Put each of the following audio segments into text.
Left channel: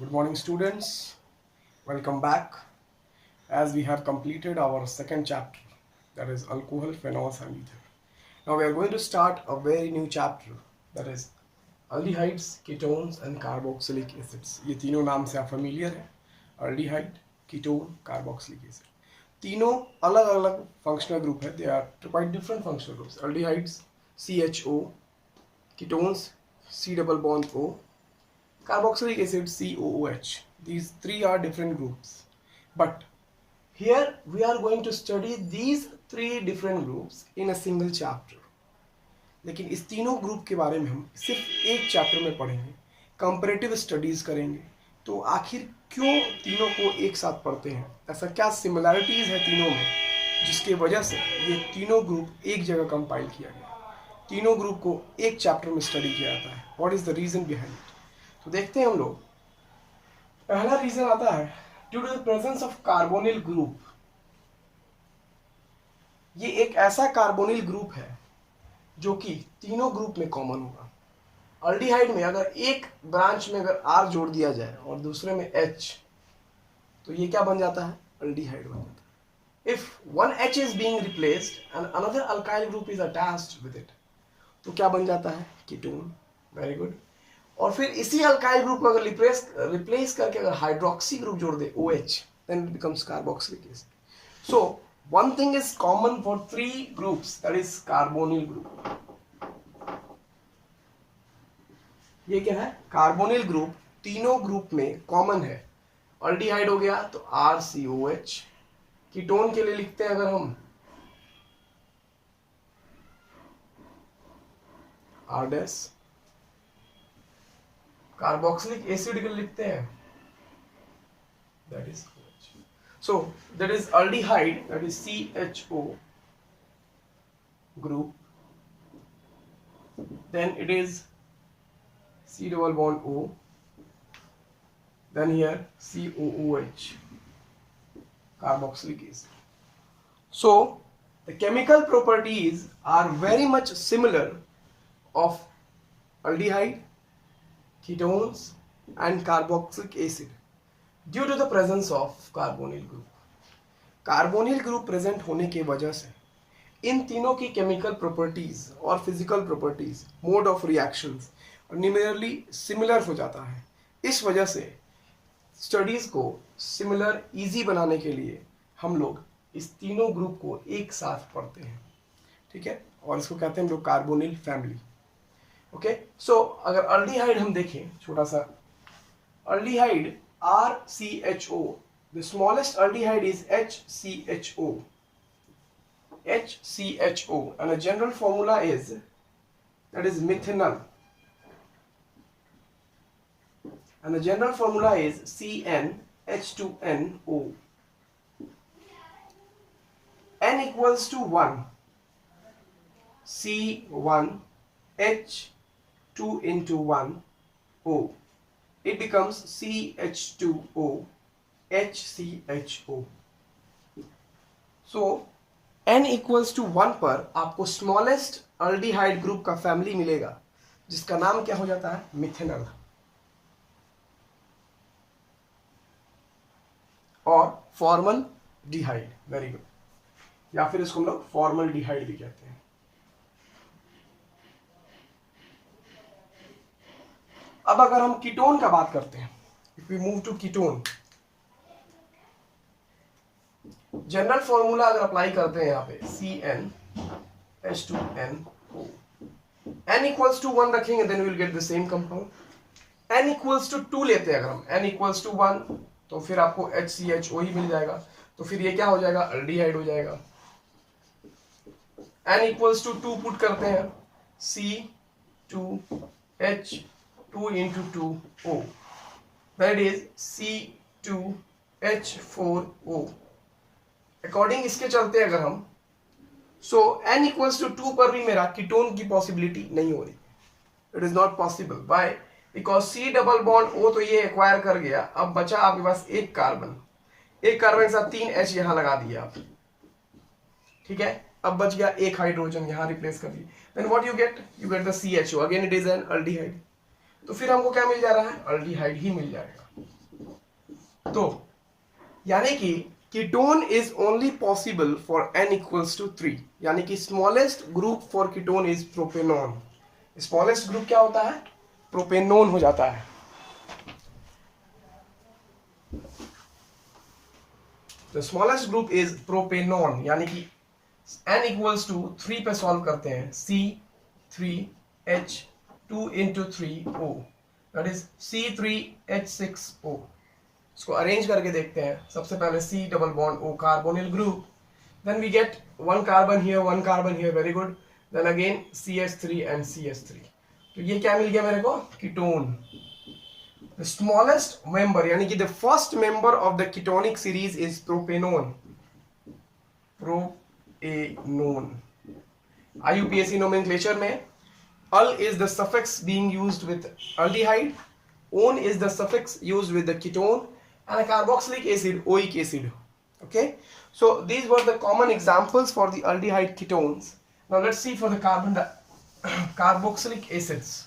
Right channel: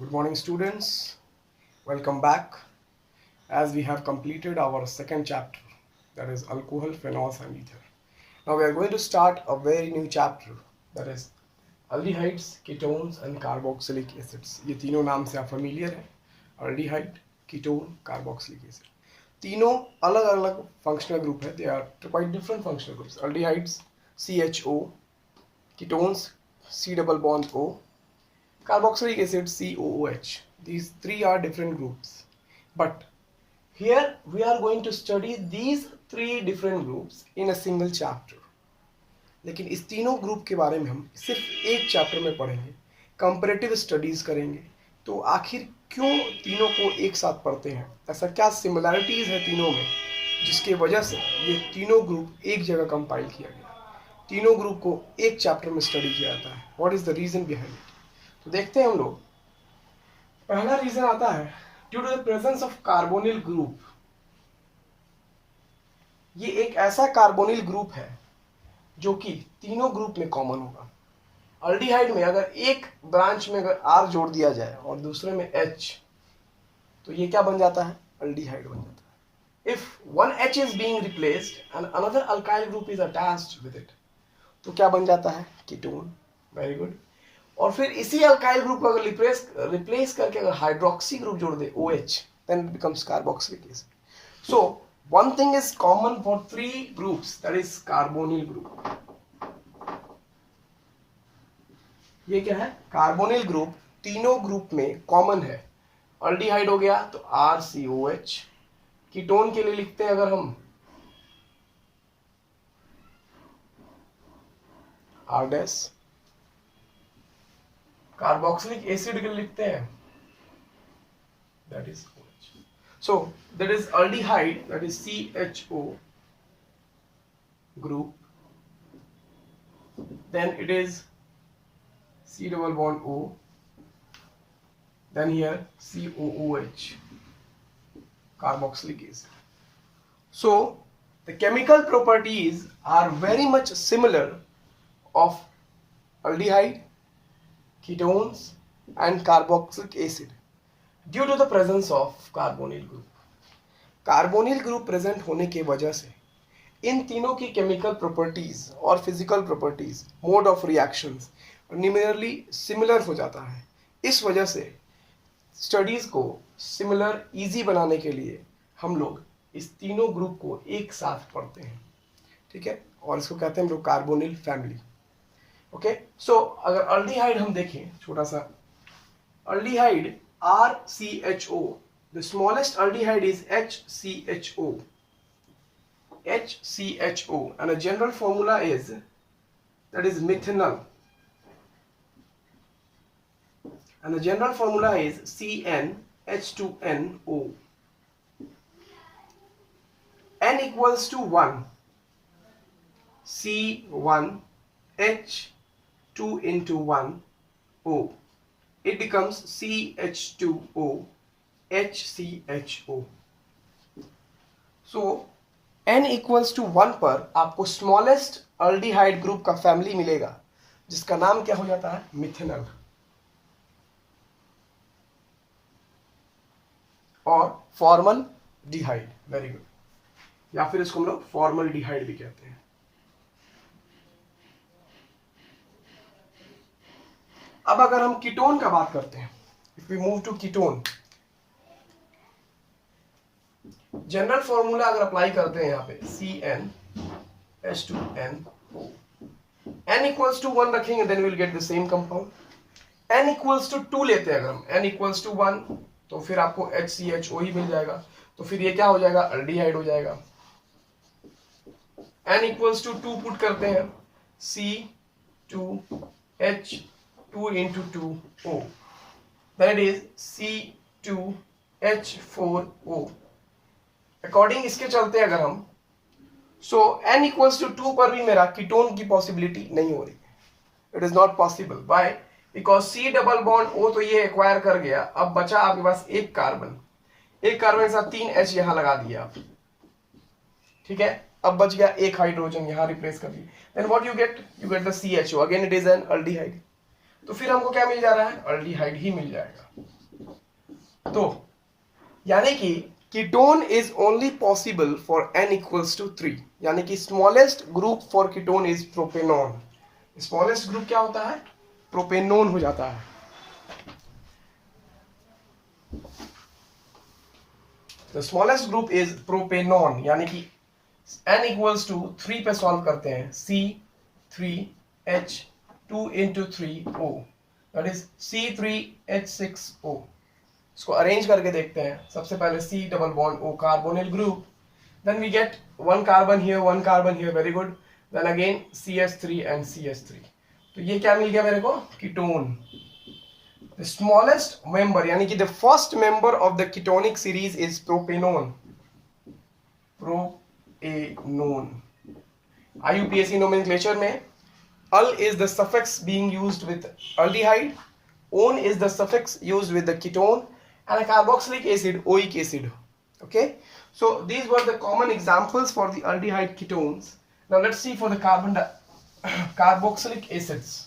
Good morning, students. Welcome back. As we have completed our second chapter, that is alcohol, phenols, and ether. Now we are going to start a very new chapter, that is aldehydes, ketones, and carboxylic acids. ये तीनों नाम से आप familiar है. Aldehyde, ketone, carboxylic acid. तीनों अलग अलग functional group है. They are quite different functional groups. Aldehydes CHO, ketones C double bond O, carboxylic acid COOH. These three are different groups, but here we are going to study these three different groups in a single chapter. लेकिन इस तीनों group के बारे में हम सिर्फ एक chapter में पढ़ेंगे, कंपैरेटिव स्टडीज करेंगे. तो आखिर क्यों तीनों को एक साथ पढ़ते हैं, ऐसा क्या सिमिलैरिटीज है तीनों में जिसके वजह से ये तीनों ग्रुप एक जगह कंपाइल किया गया, तीनों ग्रुप को एक चैप्टर में स्टडी किया जाता है. What is the reason behind it? तो देखते हैं हम लोग. पहला रीजन आता है due to the presence of carbonyl group. ये एक ऐसा कार्बोनिल ग्रुप है जो कि तीनों ग्रुप में कॉमन होगा. अल्डिहाइड में अगर एक ब्रांच में अगर R जोड़ दिया जाए और दूसरे में H, तो ये क्या बन जाता है? अल्डिहाइड बन जाता है. If one H is being replaced and another alkyl group is attached with it, तो क्या बन जाता है? कीटोन. Very good. और फिर इसी अल्काइल ग्रुप को अगर रिप्लेस करके अगर हाइड्रोक्सी ग्रुप जोड़ दे OH, then it becomes carboxylic acid. So one thing is common for three groups, that is carbonyl group. ये क्या है? कार्बोनिल ग्रुप तीनों ग्रुप में कॉमन है. अल्डिहाइड हो गया तो RCOH. कीटोन के लिए लिखते हैं अगर हम R-. कार्बोक्सिलिक एसिड के लिखते हैं that is OH. So that is aldehyde, that is CHO group. Then it is C double bond O. Then here COOH, carboxylic acid. So the chemical properties are very much similar of aldehyde, ketones and carboxylic acid due to the presence of carbonyl group. Carbonyl group present होने के वजह से इन तीनों की chemical properties और physical properties, mode of reactions numerally similar हो जाता है. इस वजह से स्टडीज को सिमिलर इजी बनाने के लिए हम लोग इस तीनों ग्रुप को एक साथ पढ़ते हैं. ठीक है, और इसको कहते हैं हम लोग कार्बोनिल फैमिली. ओके, सो अगर अल्डिहाइड हम देखें, छोटा सा aldehyde RCHO, the smallest aldehyde is HCHO. HCHO, and a general formula is, that is methanol, and the general formula is CnH2nO. N equals to 1, C1H2 into 1 O. It becomes CH2O HCHO. So N equals to 1 पर आपको smallest aldehyde group का family मिलेगा जिसका नाम क्या हो जाता है? मिथेनॉल. और फॉर्मल डिहाइड. Very good. या फिर इसको हम लोग फॉर्मल डिहाइड भी कहते हैं. अब अगर हम कीटोन का बात करते हैं, if we move to ketone, general formula अगर अप्लाई करते हैं यहाँ पे CnH2nO. N equals to 1 रखेंगे, then we'll get the same compound. N equals to 2 लेते हैं अगर हम, N equals to 1, तो फिर आपको HCHO ही मिल जाएगा. तो फिर ये क्या हो जाएगा? अल्डिहाइड हो जाएगा. N equals to 2 पुट करते हैं, C2H2 into 2O, that is C2H4O. According इसके चलते अगर हम, सो N equals to 2 पर भी मेरा कीटोन की पॉसिबिलिटी नहीं हो रही. It is not possible. Why? Because C double bond O तो ये एक्वायर कर गया. अब बचा आपके पास एक कार्बन, एक कार्बन के साथ 3 H यहां लगा दिया आप. ठीक है, अब बच गया एक हाइड्रोजन, यहां रिप्लेस कर दिया. Then what you get? You get the CHO. Again it is an aldehyde. तो फिर हमको क्या मिल जा रहा है, अल्डिहाइड ही मिल जाएगा। तो यानी कि ketone is only possible for n equals to 3, यानी कि smallest group for ketone is propanone. Smallest group क्या होता है, प्रोपेनोन हो जाता है। The smallest group is propanone, यानी कि n इक्वल्स टू 3 पे सॉल्व करते हैं, C3H2 into 3O, that is C3H6O। इसको अरेंज करके देखते हैं। सबसे पहले C double bond O, carbonyl group, then we get 1 carbon here, 1 carbon here, very good, then again CH3 and CH3। तो ये क्या मिल गया मेरे को, कीटोन। द स्मॉलेस्ट मेंबर यानी कि the first member of the ketonic series is propanone. Propanone IUPAC nomenclature में al is the suffix being used with aldehyde, one is the suffix used with the ketone, and a carboxylic acid, oic acid. Okay, so these were the common examples for the aldehyde ketones. Now let's see for the carboxylic acids.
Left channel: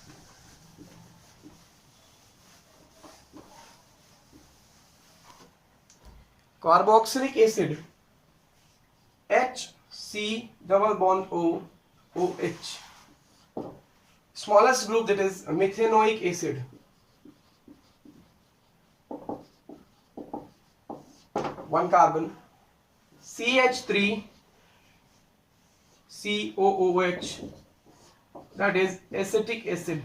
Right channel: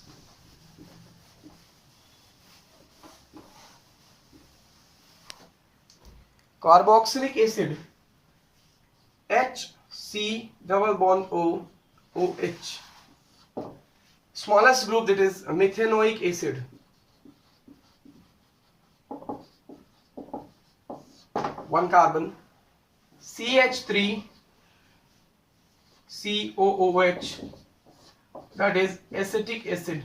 Carboxylic acid, HC double bond O, OH. Smallest group, that is methanoic acid. One carbon, CH3 COOH, that is acetic acid.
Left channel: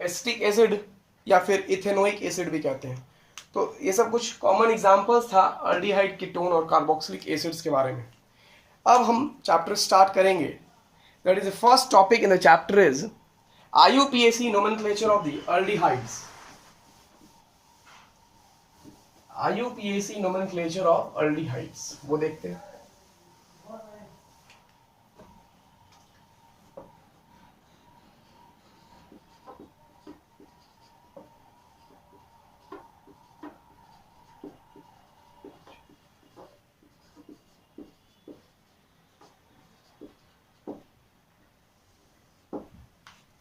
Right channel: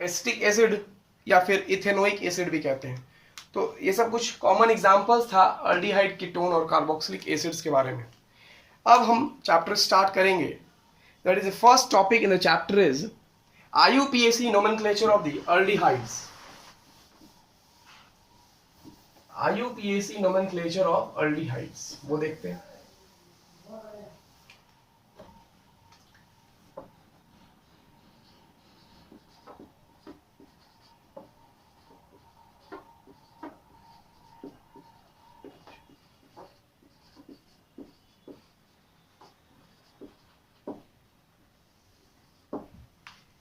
Acetic acid या फिर ethanoic acid भी कहते हैं। तो ये सब कुछ common examples था अल्डिहाइड, कीटोन और कार्बोक्सिलिक एसिड्स के बारे में। अब हम चैप्टर स्टार्ट करेंगे। That is the first topic in the chapter is IUPAC nomenclature of the aldehydes. IUPAC nomenclature of aldehydes, वो देखते हैं।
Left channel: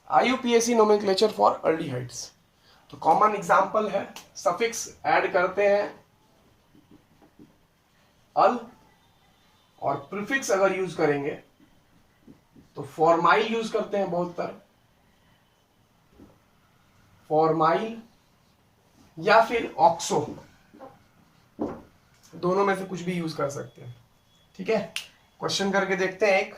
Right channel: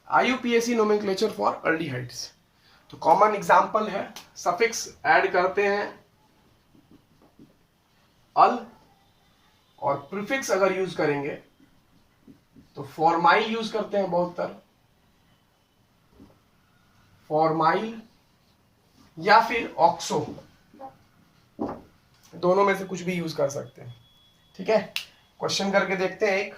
IUPAC nomenclature for aldehydes। तो कॉमन एग्जाम्पल है, सफिक्स ऐड करते हैं अल, और प्रीफिक्स अगर यूज करेंगे तो फॉर्माइल यूज करते हैं बहुत तरह, फॉर्माइल या फिर ऑक्सो, दोनों में से कुछ भी यूज कर सकते हैं। ठीक है, क्वेश्चन करके देखते हैं एक।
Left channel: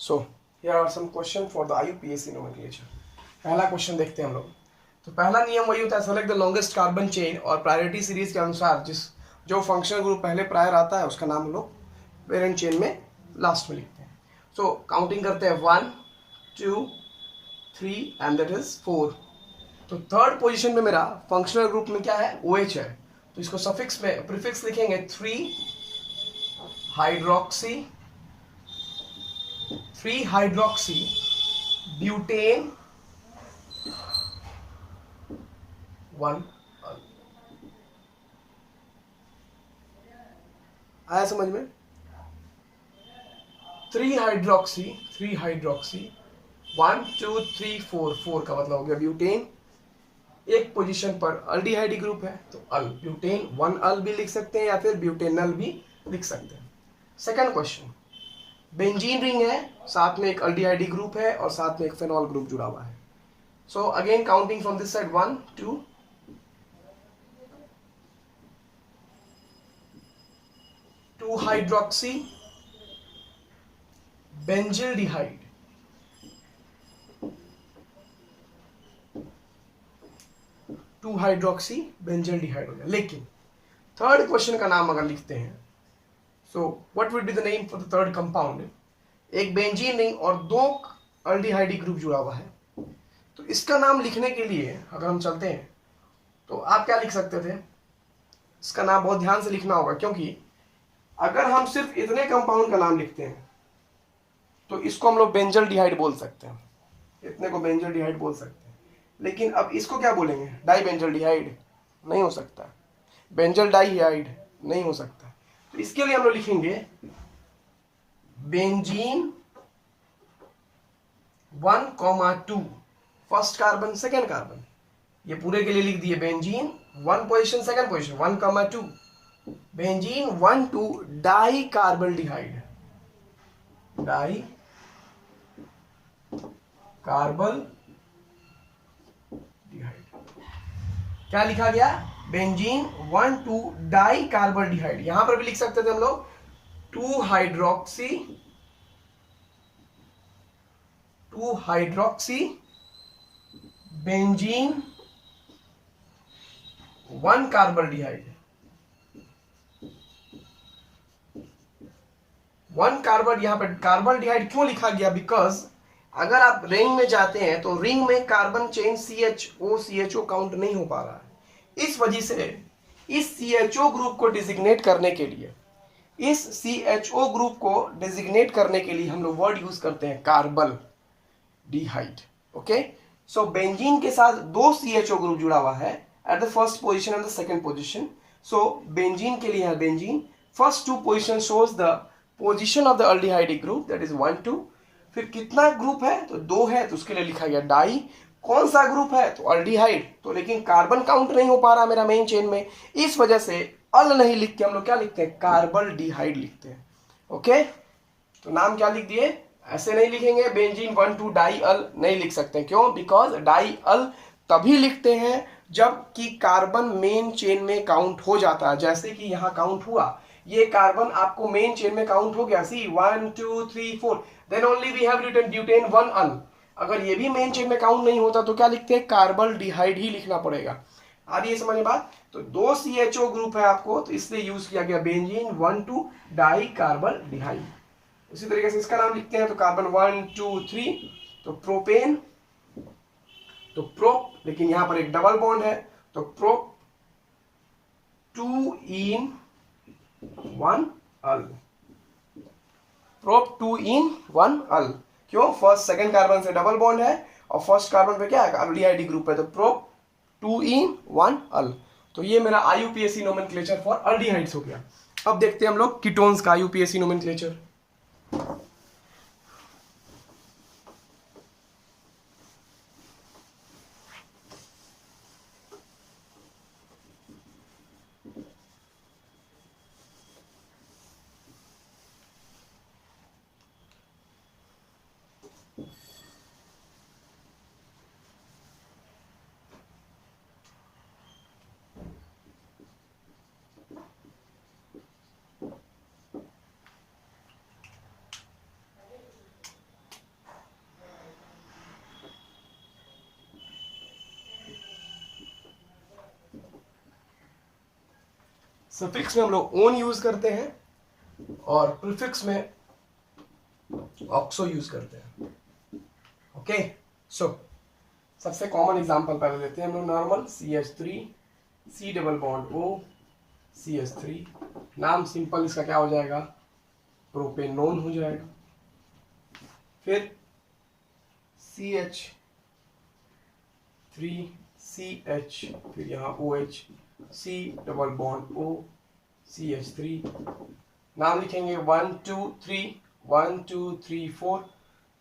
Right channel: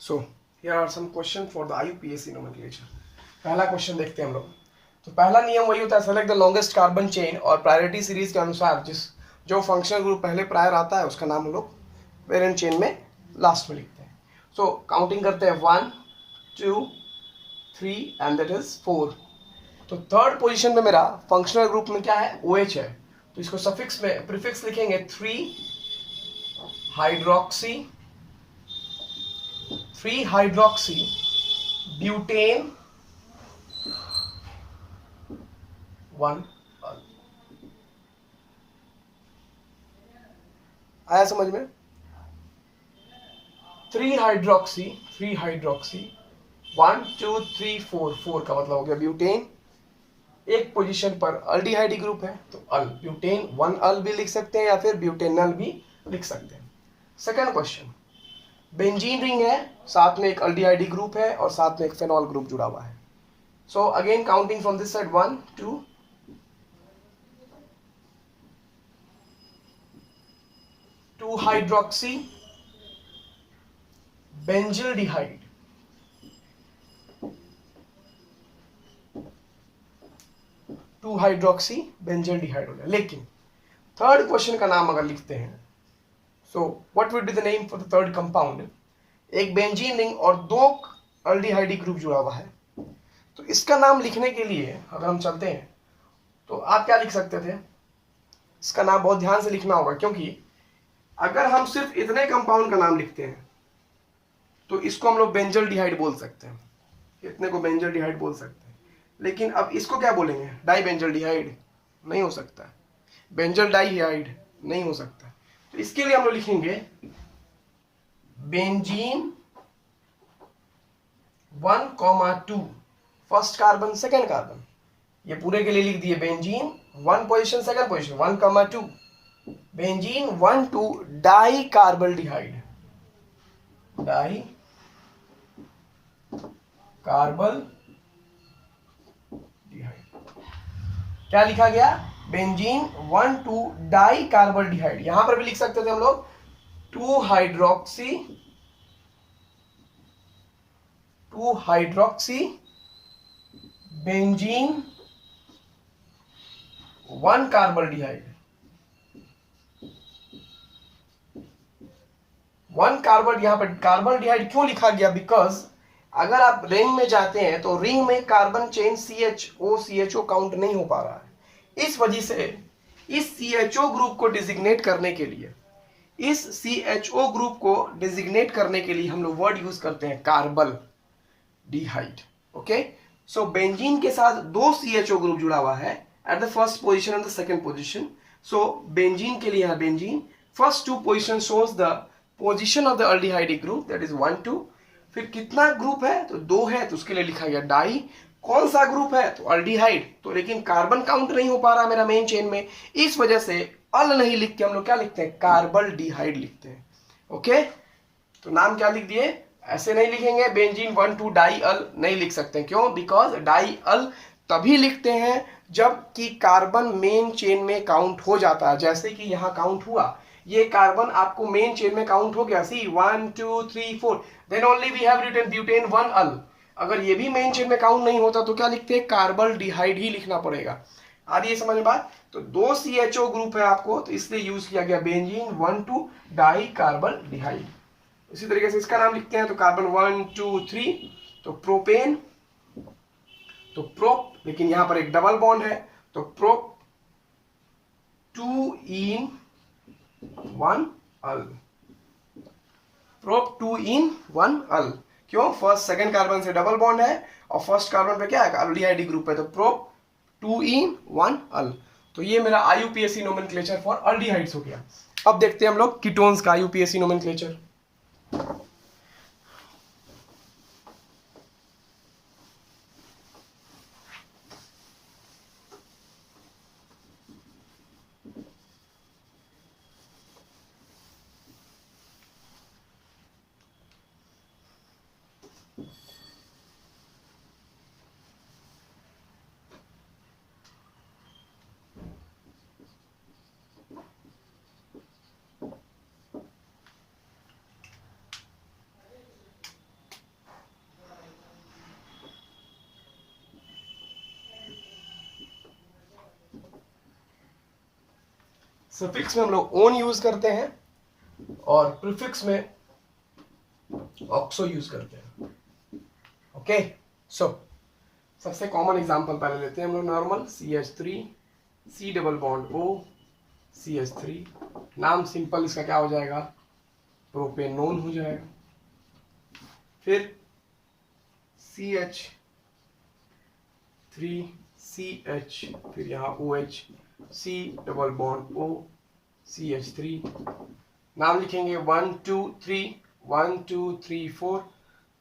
So here are some question for the IUPAC nomenclature। पहला क्वेश्चन देखते हैं हम लोग। तो पहला नियम वही होता है, select the longest carbon chain, और प्रायोरिटी सीरीज के अनुसार जो फंक्शनल ग्रुप पहले प्रायर आता है उसका नाम हम लोग वेरिएंट चेन में लास्ट में लिखते हैं। सो काउंटिंग करते हैं 1 2 3 एंड दैट इज 4। तो थर्ड पोजीशन पे मेरा फंक्शनल ग्रुप में क्या है, OH है। तो इसको सफिक्स में प्रीफिक्स लिखेंगे 3 हाइड्रोक्सी ब्यूटेन 1 अल। आया समझ में? 3 हाइड्रोक्सी 1 2 3 4 का मतलब हो गया ब्यूटेन। एक पोजीशन पर अल्डिहाइड ग्रुप है तो अल, ब्यूटेन 1 अल भी लिख सकते हैं या फिर ब्यूटेनल भी लिख सकते हैं। सेकंड क्वेश्चन, बेंजीन रिंग है, साथ में एक अल्डिहाइड ग्रुप है और साथ में एक फेनॉल ग्रुप जुड़ा हुआ है। So again counting from this side 1 2 hydroxy benzaldehyde, 2 hydroxy benzaldehyde हो गया। लेकिन थर्ड क्वेश्चन का नाम अगर लिखते हैं, so what would be the name for the third compound? एक बेंजीन रिंग और 2 अल्डिहाइड ग्रुप जुड़ा हुआ है। तो इसका नाम लिखने के लिए अगर हम चलते हैं तो आप क्या लिख सकते थे? इसका नाम बहुत ध्यान से लिखना होगा, क्योंकि अगर हम सिर्फ इतने कंपाउंड का नाम लिखते हैं तो इसको हम लोग बेंजल्डिहाइड बोल सकते हैं, इतने को बेंजल्डिहाइड बोल सकते हैं। लेकिन अब इसको क्या बोलेंगे? डाई बेंजल्डिहाइड नहीं हो सकता, बेंजल डाइहाइड नहीं हो सकता। तो इसके लिए हम लोग लिखेंगे benzene 1,2, first carbon second carbon, ये पूरे के लिए लिख दिए benzene 1 position second position 1,2, benzene 1,2 di carbaldehyde, di carbaldehyde, क्या लिखा गया? Benzene 1,2 di carbaldehyde. यहां पर भी लिख सकते थे हम लोग 2 हाइड्रोक्सी बेंजीन 1 कार्बल्डिहाइड। 1 कार्बन, यहां पर कार्बल्डिहाइड क्यों लिखा गया? बिकॉज अगर आप रिंग में जाते हैं तो रिंग में कार्बन चेन CHO काउंट नहीं हो पा रहा है। इस वजह से इस CHO ग्रुप को डिजिग्नेट करने के लिए, हम लोग वर्ड यूज करते हैं कार्बल डिहाइड। ओके, सो बेंजीन के साथ 2 CHO ग्रुप जुड़ा हुआ है at the first position and the second position. So benzene के लिए है benzene first 2 position shows the position of the aldehydic group, that is 1 2। फिर कितना ग्रुप है? तो 2 है, तो उसके लिए लिखा गया डाई। कौन सा ग्रुप है? तो अल्डिहाइड। तो लेकिन कार्बन काउंट नहीं हो पा रहा मेरा मेन चेन में, इस वजह से अल नहीं लिख के हम लोग क्या लिखते हैं? कार्बल डिहाइड लिखते हैं। ओके, तो नाम क्या लिख दिए? ऐसे नहीं लिखेंगे बेंजीन 1,2 डाई अल, नहीं लिख सकते। क्यों? बिकॉज डाई अल तभी लिखते हैं जब कि कार्बन मेन चेन में काउंट हो जाता है, जैसे कि यहां काउंट हुआ, ये कार्बन आपको मेन चेन में काउंट हो गया, C 1 2 3 4, then only we have written butane 1 al. अगर ये भी मेन चेन में काउंट नहीं होता तो क्या लिखते हैं? कार्बल डिहाइड ही लिखना पड़ेगा। आ रही है समझ में बात? तो 2 CHO ग्रुप है आपको, तो इसलिए यूज किया गया बेंजीन 1,2 डाई कार्बल डिहाइड। इसी तरीके से इसका नाम लिखते हैं, तो कार्बन 1 2 3, तो प्रोपेन, तो प्रोप, लेकिन यहां पर एक डबल बॉन्ड है, तो प्रोप 2 इन 1 अल, प्रोप 2 इन 1 अल। क्यों? फर्स्ट सेकंड कार्बन से डबल बॉन्ड है और फर्स्ट कार्बन पे क्या है? अल्डिहाइड ग्रुप है, तो प्रोप 2 इन 1 अल। तो ये मेरा IUPAC नोमेनक्लेचर फॉर अल्डिहाइड्स हो गया। अब देखते हैं हम लोग कीटोन्स का IUPAC नोमेनक्लेचर। सफिक्स में हम लोग ओन यूज करते हैं और प्रीफिक्स में ऑक्सो यूज करते हैं। ओके, सो सबसे कॉमन एग्जांपल पहले लेते हैं हम लोग normal CH3 C double bond O CH3, नाम सिंपल इसका क्या हो जाएगा? प्रोपेनोन हो जाएगा। फिर CH3CH, फिर यहाँ OH, C double bond O CH3, नाम लिखेंगे 1 2 3 1 2 3 4,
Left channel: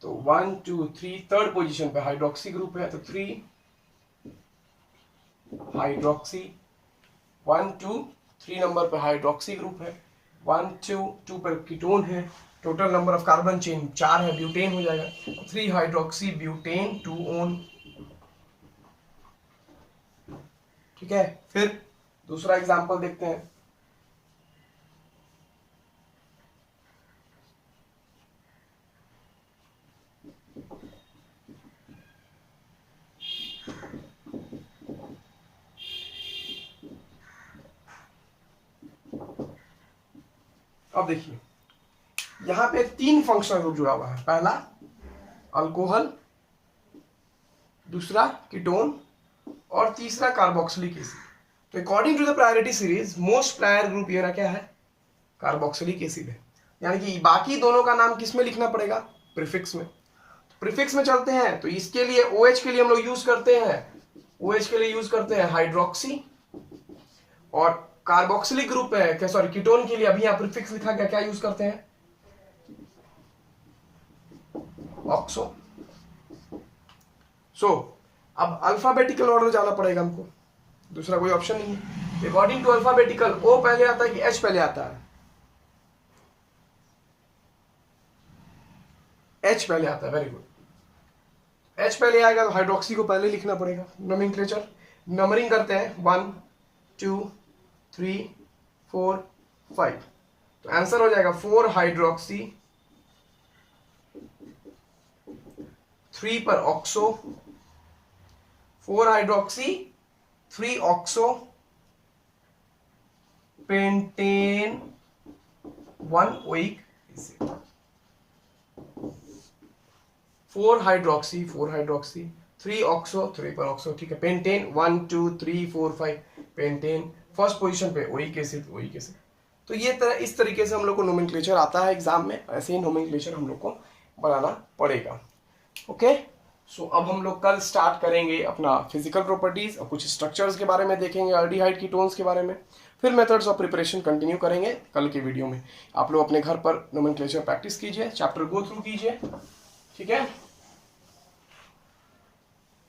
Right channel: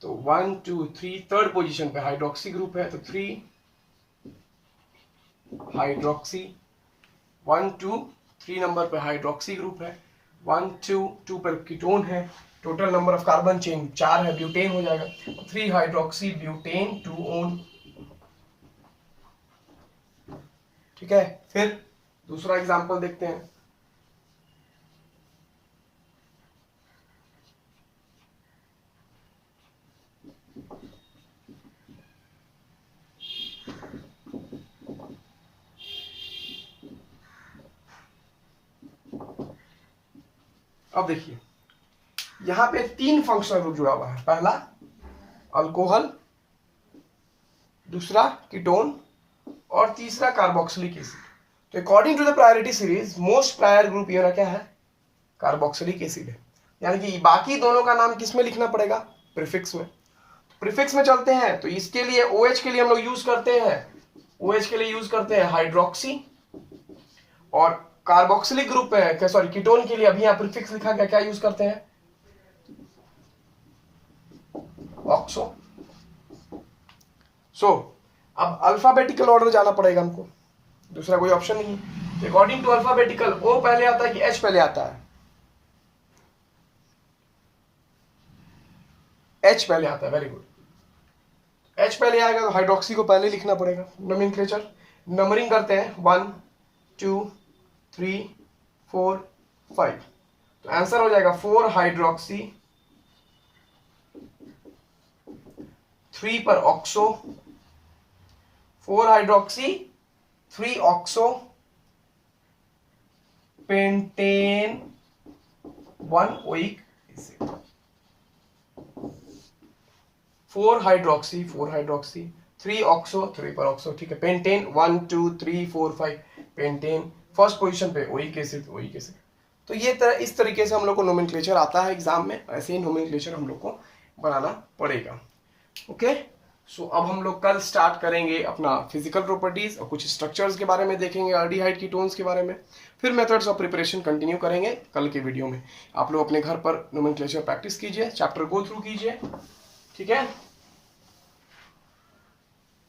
तो 1 2 3 थर्ड पोजीशन पे हाइड्रोक्सी ग्रुप है, तो 3 हाइड्रोक्सी, 1 2 3 नंबर पे हाइड्रोक्सी ग्रुप है, 1 2 2 पर कीटोन है, total number of carbon chain 4 है, ब्यूटेन हो जाएगा, 3 हाइड्रोक्सी ब्यूटेन 2 ओन। ठीक है, फिर दूसरा एग्जांपल देखते हैं। अब देखिए यहां पे 3 फंक्शनल ग्रुप जुड़ा हुआ है, पहला अल्कोहल, दूसरा कीटोन और तीसरा कार्बोक्सिलिक एसिड। तो according to the priority series most prior group ये क्या है? कार्बोक्सिलिक एसिड है। यानी कि बाकी दोनों का नाम किस में लिखना पड़ेगा? प्रीफिक्स में। प्रीफिक्स में चलते हैं तो इसके लिए OH के लिए हम लोग यूज करते हैं, OH के लिए यूज करते हैं हाइड्रोक्सी, और कार्बोक्सिलिक ग्रुप है, सॉरी कीटोन के लिए अभी यहाँ प्रीफिक्स लिखा गया, क्या यूज करते हैं? ऑक्सो। सो अब अल्फाबेटिकल ऑर्डर जाना पड़ेगा हमको, दूसरा कोई ऑप्शन नहीं है। अकॉर्डिंग टू अल्फाबेटिकल ओ पहले आता है कि एच पहले आता है? एच पहले आता है, वेरी गुड। एच पहले आएगा तो हाइड्रोक्सी को पहले लिखना पड़ेगा। नोमेनक्लेचर नंबरिंग करते हैं 1 2 3 4 5, तो आंसर हो जाएगा 4 हाइड्रोक्सी, 3 पर oxo, 4 hydroxy 3 oxo pentane 1 oic acid. 4 hydroxy 3 oxo 3 पर ऑक्सो, ठीक है। पेंटेन 1 2 3 4 5, पेंटेन फर्स्ट पोजीशन पे, ओइक एसिड। तो ये इस तरीके से हम लोग को नोमेनक्लेचर आता है एग्जाम में, ऐसे ही नोमेनक्लेचर हम लोग को बनाना पड़ेगा। ओके, सो अब हम लोग कल स्टार्ट करेंगे अपना फिजिकल प्रॉपर्टीज और कुछ स्ट्रक्चर्स के बारे में देखेंगे, एल्डिहाइड कीटोन्स के बारे में, फिर मेथड्स ऑफ प्रिपरेशन कंटिन्यू करेंगे कल के वीडियो में। आप लोग अपने घर पर नोमेनक्लेचर प्रैक्टिस कीजिए, चैप्टर गो थ्रू कीजिए, ठीक है।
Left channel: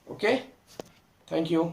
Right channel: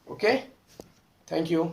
Okay, thank you.